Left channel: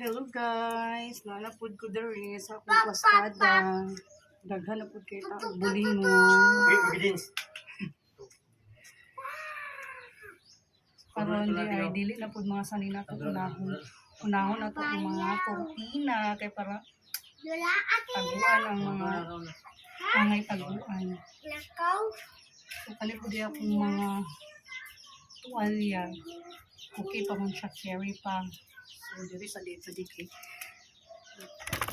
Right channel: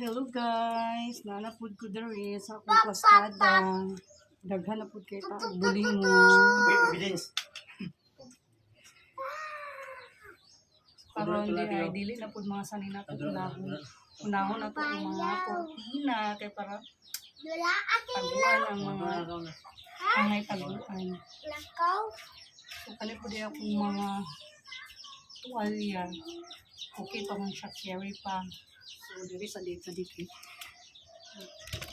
Hello guys, nanapod ko diri sa akong pasada. Daghan na pud kay bulingon. Wait, evidence. Karon di ay dili na pud mga sanina to unahon. Unahon na to ang mga kortina kay para taguan ang mga angay taguan. Lakaw. So kani pud di akong mga tuwalya. Okay pa man siya carry pa. So diri sa dito dito.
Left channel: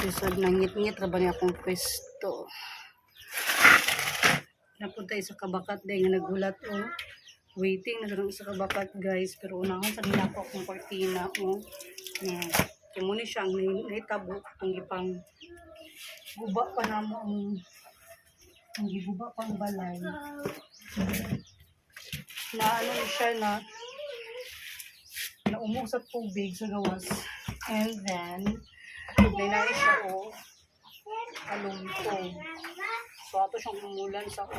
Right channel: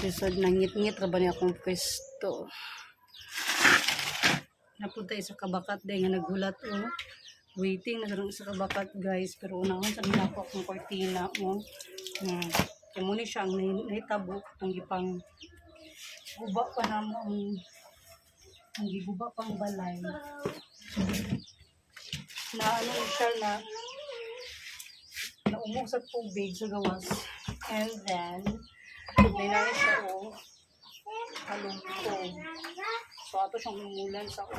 Isod nangit-ngit ra ba niya akong pwesto. Napunta sa kabakat day nga nagulat o. Waiting na sa kabakat guys. Pero unahon sa nila ko akong kortina o. Uh, kaya muna siya ang nai- naitabo ang gipang guba pa na mo ang ang giguba pang balay. Na ano siya na naumog sa tubig sa gawas. And then, Dinari siya o alumtog. So, ato siyang umulan sa o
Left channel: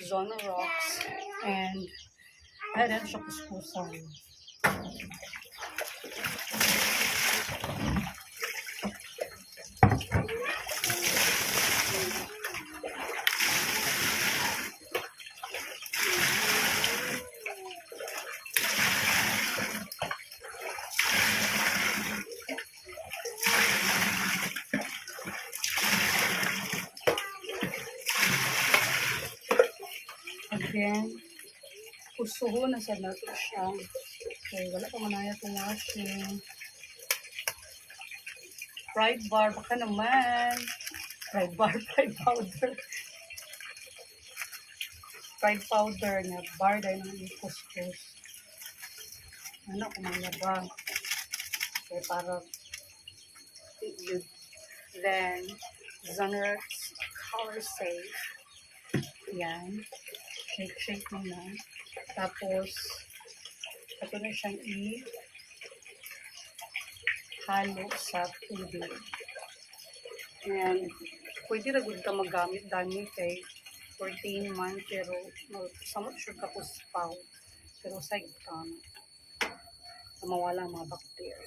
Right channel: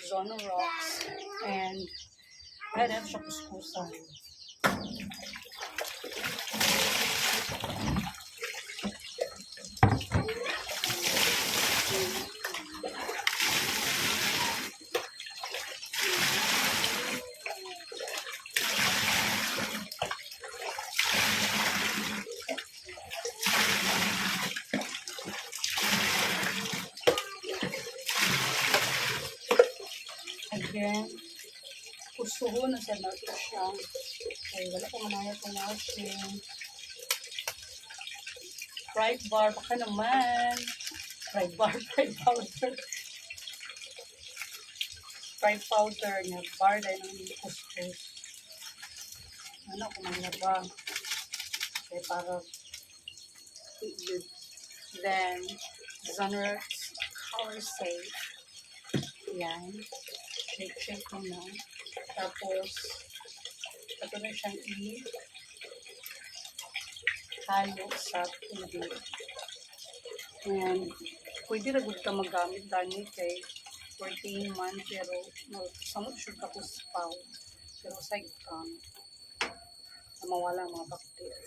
zone rocks and kaya dito siya kuskusan. Again, kusuho na sa nato siya. Okay, wala pa manaya itong washing. Fried bar, baka naman. Fried bar, fried powder. Fried powder niya, bar dahil ng kuskus. Ano, kumanya ba? Okay, para good. Then, Xanax Color Safe. Yan. Shake, shake mo na. Tapos, ito na siyang i halo sa tubig. And, pwede na good ka magamit dani kay 14 man, pero no, samot sure ka po spaw. Pero sa ka, na mawala ang mga bacteria.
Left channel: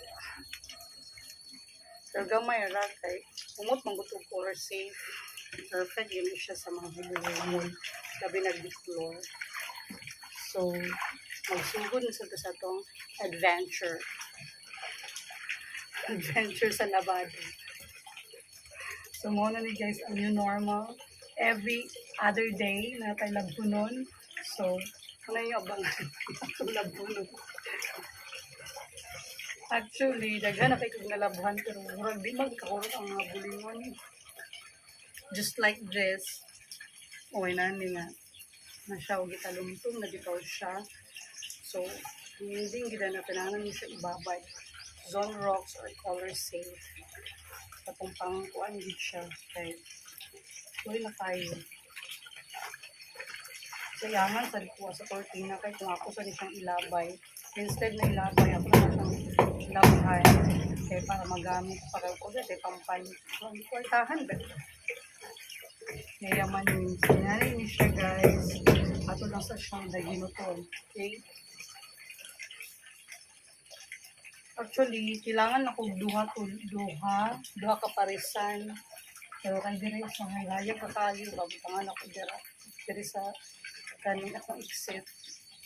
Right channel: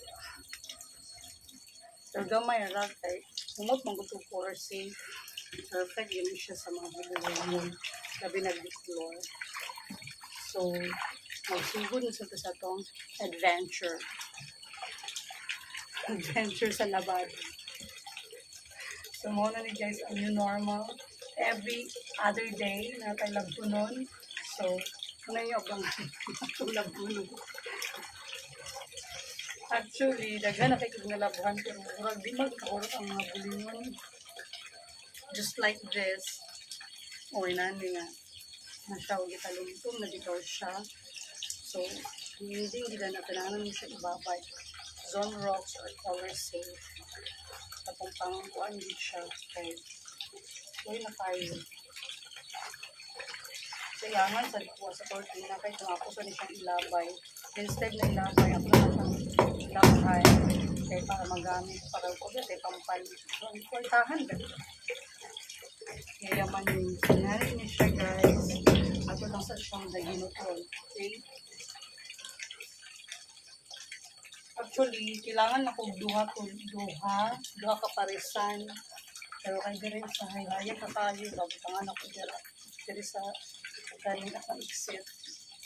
Pero gamay ra kay, umot gutong color safe. Perfect yun siya sa mga huluhulun. Sabi nag-deplore. So, magsugod na sa sa tong adventure. Adventure sa labado. So, muna ni guys, ang new normal. Every other day na tayo labunon. So, ano yung abang itong labunon? Actually, daghan na kayo nalabuhan pero murag di magkakurot ang mga bulingon. Just like this. Okay na, hindi nga. Nasyaw gitalumtong na bitaw siya. So, hindi gila na kailangan niya siya ibabay. Zone rocks or color safe. Katong pang kuan din siya. Kay, tuloy na tayo. Kailangan sa likuha sa kortina kay kung ako sa siyang ilabay. Instead na ilabay, ako na siyang ilabahay. Kaya para magamit, para ko kay pampan. So, ang kwartahan ba? Yayaman yung sinari niya siya guys. Ato lang sa siyang daginutol. Okay? Actually, kailangan ako duha to duha, duha ka parisan. Pero kay dire sa hayaya kakayo, babutangan ako dira. Dire sa kaning akong exit.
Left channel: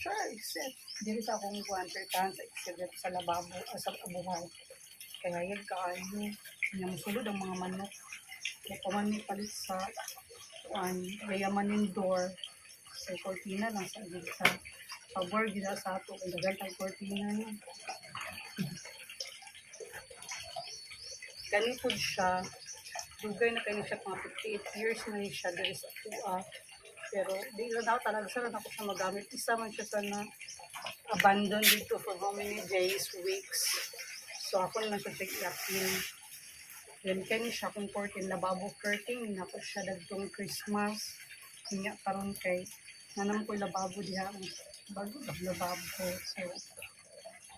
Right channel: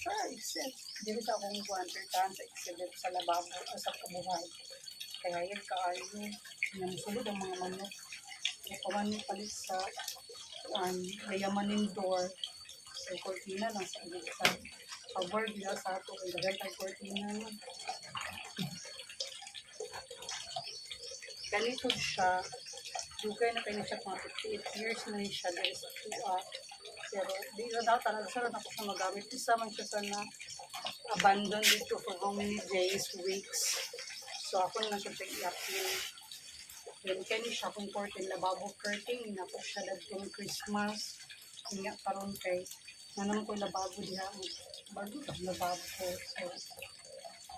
Sure, exit. Dire sa akong kwantertan sa exit sa lababo, uh, sa kabuhay. Kaya yan kaayo. Yung sulod ang mga manok. Kaya paman palit sa kuan, gayaman yung door. So, cortina lang sa igid sa gila sa ato. Ang dagal tayo cortina no. Ganito siya. Dugay na kayo siya mga 58 years na siya diri sa tuwa. Pero di na daw talaga sa ako siya magamit. Isa man siya sa na abandon dito for how many days, weeks. So ako na siya tig-yapin. Then kani siya kung curtain, lababo curtain. Nako siya dagtong Christmas. Nga karon kay nanam ko lababo diha. Bago lababo ko. So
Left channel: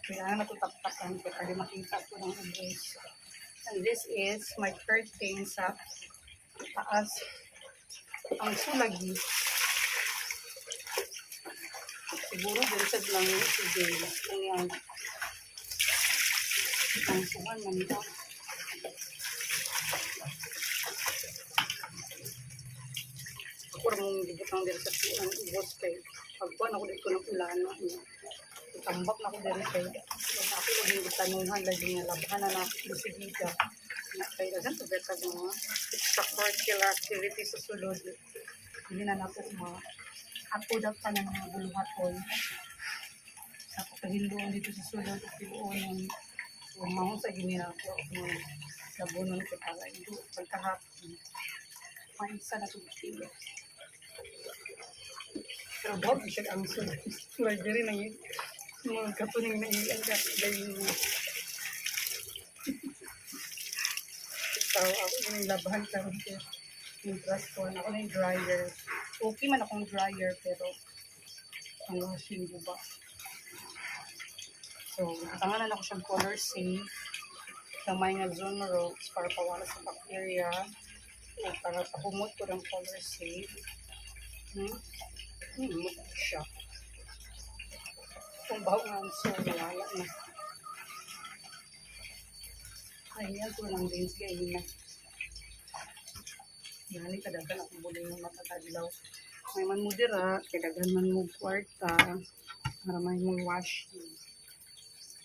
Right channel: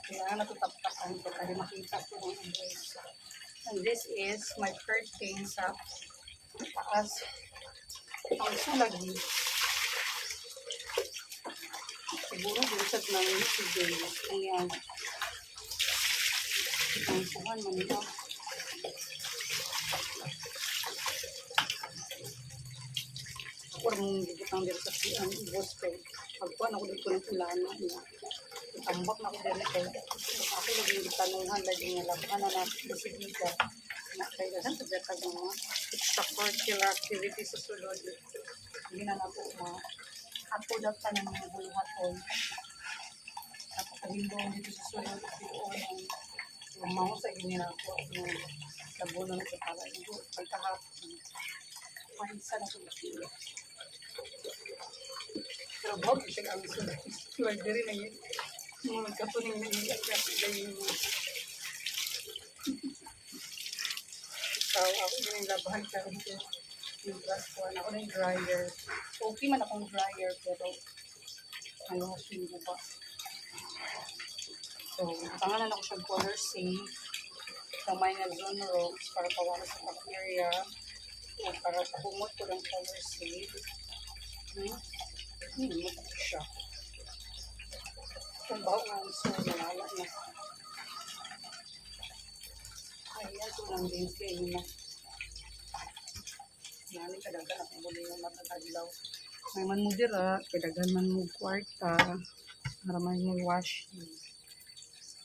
kailangan na ito taptakan ko kasi makita ko ng address. And this is my curtain sa taas. Ang sulagi. Siguro din sa lang ni si James. Kung yan. Ang suhan man ito. Ako rin mong gibutang dito sa siyan, ubos kay. Pagkuhan ako dito ng ulana niya. Tambak na ako dito kay. Ako lagi yung tanungan, lagi nga labahan na na bisigita. Na kay dagan to beta ng mga extracurricular activity sa sulod. Hindi na na po mga apo daw pa ng mga buluhaton. Ako kahindong dito sa sulod at yung umaw sa ginira ko ako labunon ko para ito pagkahapon. Maisa na ito sila. Bawag siya ang diri na yun. Mga katuning na iyan ka. Dahil mo. Ikaw, ako yun yung labahan ka. Yung brush ko. Ako na yung dryer. Okay man akong dryer pero ang washing ko ba? So, tanganan ako siyang color safe. Kamay nga zone ropes para pawala sa bacteria. Para pahumot ko ng color safe. Hmm? Humot ko siya. Kung baho nga so, nawala na. Ayan, so lang din siya yun na. Nani kadagan ako muli ng matatadlaw. May man mo dira, kadagan man mo kwarta. Maramay mo washing.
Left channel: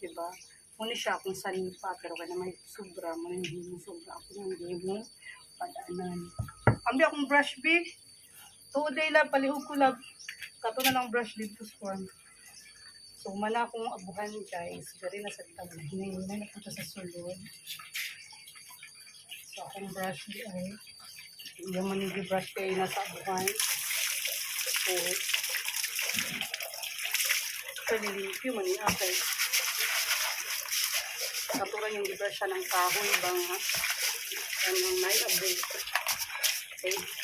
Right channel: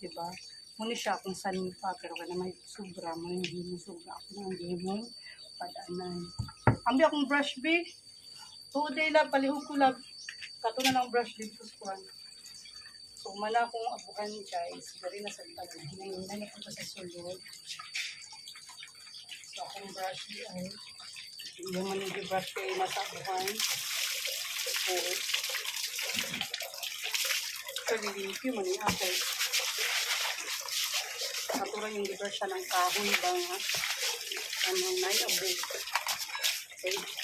Diba? Muna siya kung saan pa, pero kaya may sobra, mo yung hindi sobra. Ako nang hindi padaanan. Ambi akong brush big. Tuoday lang, palihog ko lang. Kato na lang brush dito sa. So, mana akong abuhan guys. Gari na sa tabi. Hinahinan na ko sa sulod. So, akong brush di ay. Yung manigi brush kayo nasa abuhan. So, kalilimpyo man yung akay. Katuran yung brush siya ng kahoy bang ha. Yan yung naiabo. Okay.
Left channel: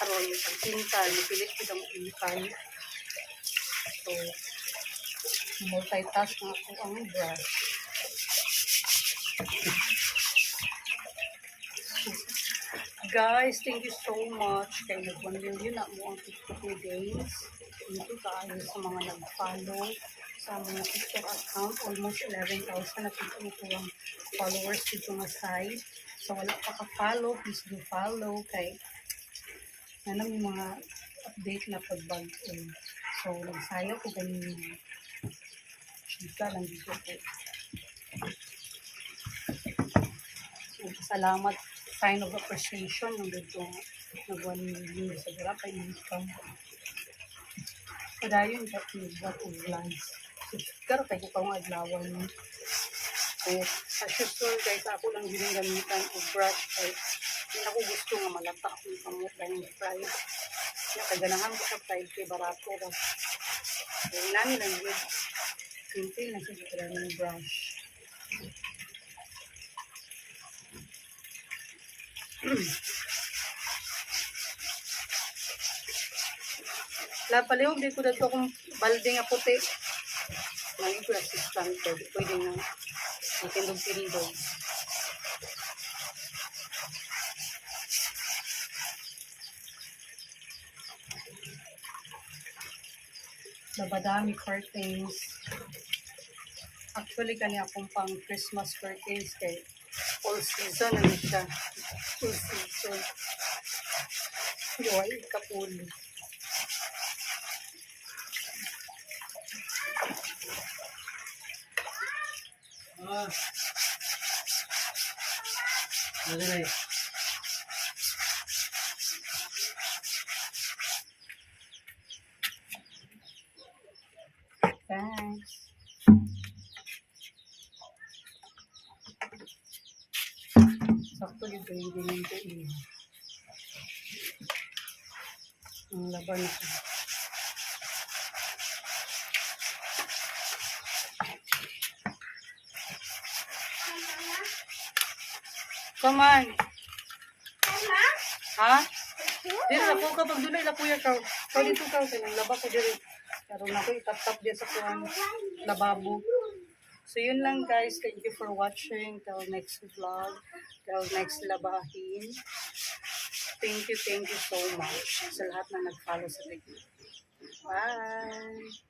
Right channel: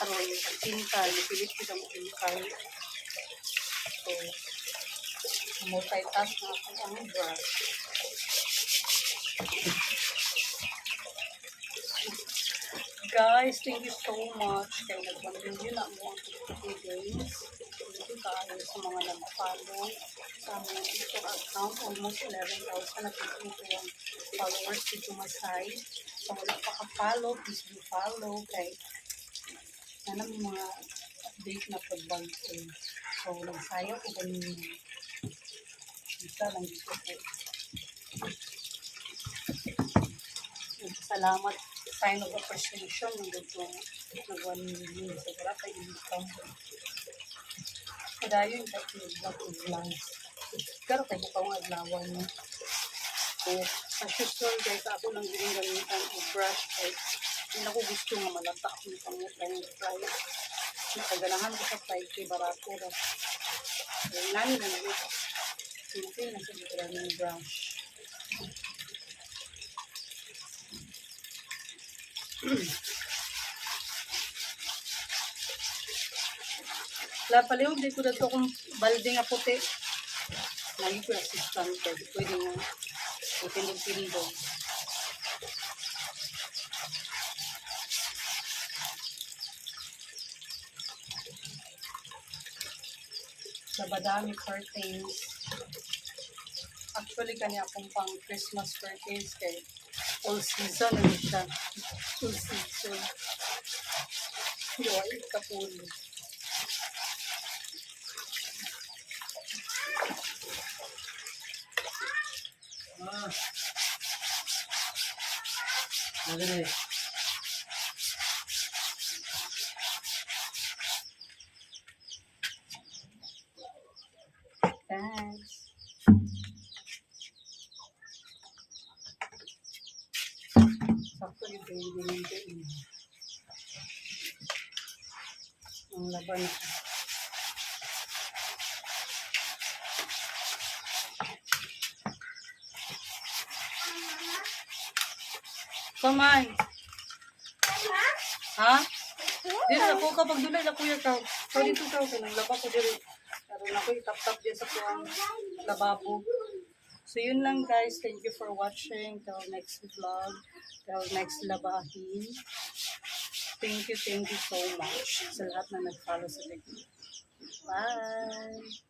Karoon yung pagkintal. Mapilit ko ang kintal. So, multitask na ako ang brush. Guys, thank you so much. Kaya nag-1 million na mo ang TikTok ni Games. Thank you kayo sa mga nag-follow sa mga TikTok account. Almost 11,000 na ito ang followers dito nga site. So, wala pa ka-follow, please do follow. Kay na yung mga update na pagbago. So, nagsayaw ko ganun isa lang dito po. Salamat sign of appreciation ng dito nag 1 million sa gara pa income. Padayon ka vlog o vlogs. Pero kayo pa ang adlawan mo. So, as usual guys, ako lang din gamitan o brush kay hindi ako gusto nga malata ako ng kamot dahil yung fries. Nakaganahan ko sa fried kay barato ra. So, nani lang yun. Simple na sa dito ng brush. La palihog di ko dito kung balde nga puti. Lagi ko na. Di pwede nga itindog-tindog. Labadami curtains. Actually, kani akong pang Christmas curtains kay all season na siya. Full season. Joy, kapuli. Ah. Ano na eh? Pinigilin ko eh. Ang laban ako. Come on. Ha? Dito ako kapag dulay na kuya ka. Kau dito ka. Kanang laba ko dito. Karoon ako itap-tap dyan sa kuwang lababo. So yun lang guys. Thank you for watching. Till next vlog. Till next labahin. Thank you, thank you so much sa lahat na nag-follow sa TikTok. Bye!